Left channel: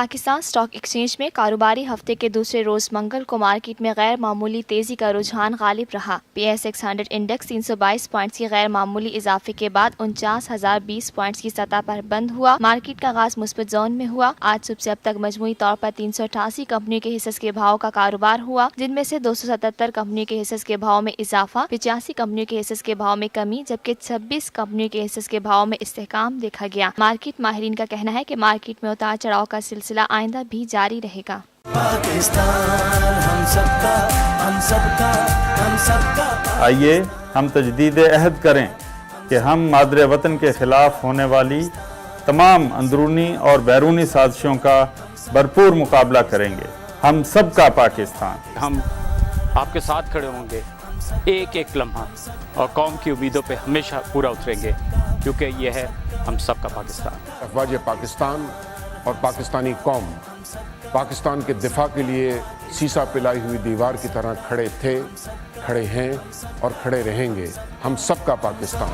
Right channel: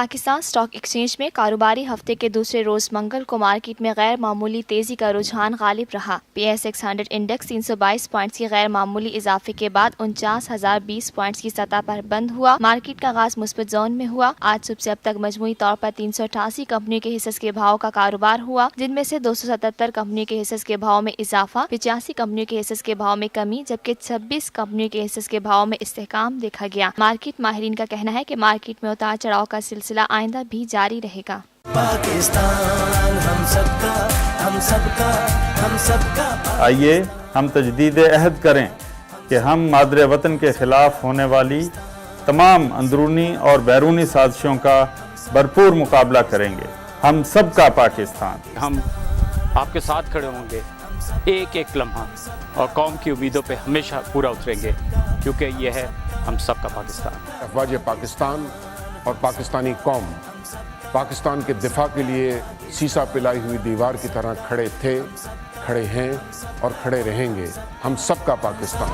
Pakistan stock exchange میں کاروباری ہفتے کے دوسرے روزمنگل کو مارکیٹ میں غیر معمولی تیزی کا رجحان غالب رہا۔ P S x hundred index 322 points کی غیر معمولی اضافے کے بعد 49,020 پوائنٹس کی سطح پر بند ہوا۔ مارکیٹ کا آغاز مثبت زون میں ہوا۔ آج صبح سے اب تک مجموعی طور پر 388 کمپنیوں کے حصص کے بھاؤ کا کاروبار ہوا، جن میں سے 277 کمپنیوں کے حصص کے بھاؤ میں اضافہ، 85 کمپنیوں کے حصص کے بھاؤ میں کمی، جبکہ 26 کمپنیوں کے حصص کے بھاؤ میں استحکام دیکھا گیا۔ مارکیٹ ماہرین کا کہنا ہے کہ مارکیٹ میں اتار چڑھاؤ کا سلسلہ آئندہ بھی جاری رہے گا۔ آئیے ہم تجدید عہد کریں کہ ہم مادر وطن کے خلاف ہونے والی تمام اندرونی اور بیرونی سازشوں کا بھرپور مقابلہ کریں گے۔ ہم سب کا پاکستان۔ ہم آپ کے ساتھ کھڑے ہوں گے ایک ایک لمحہ، اور قوم کی امیدوں پہ ہمیشہ پورا اتریں گے، کیونکہ یہ ہے ہم سب کا پاکستان۔ افواج پاکستان اور پاکستانی قوم پاکستان کے دفاع کے لیے سیسا پلائی ہوئی دیوار کی طرح کھڑے تھے، کھڑے ہیں اور کھڑے رہیں گے۔ ہم سب کا پاکستان۔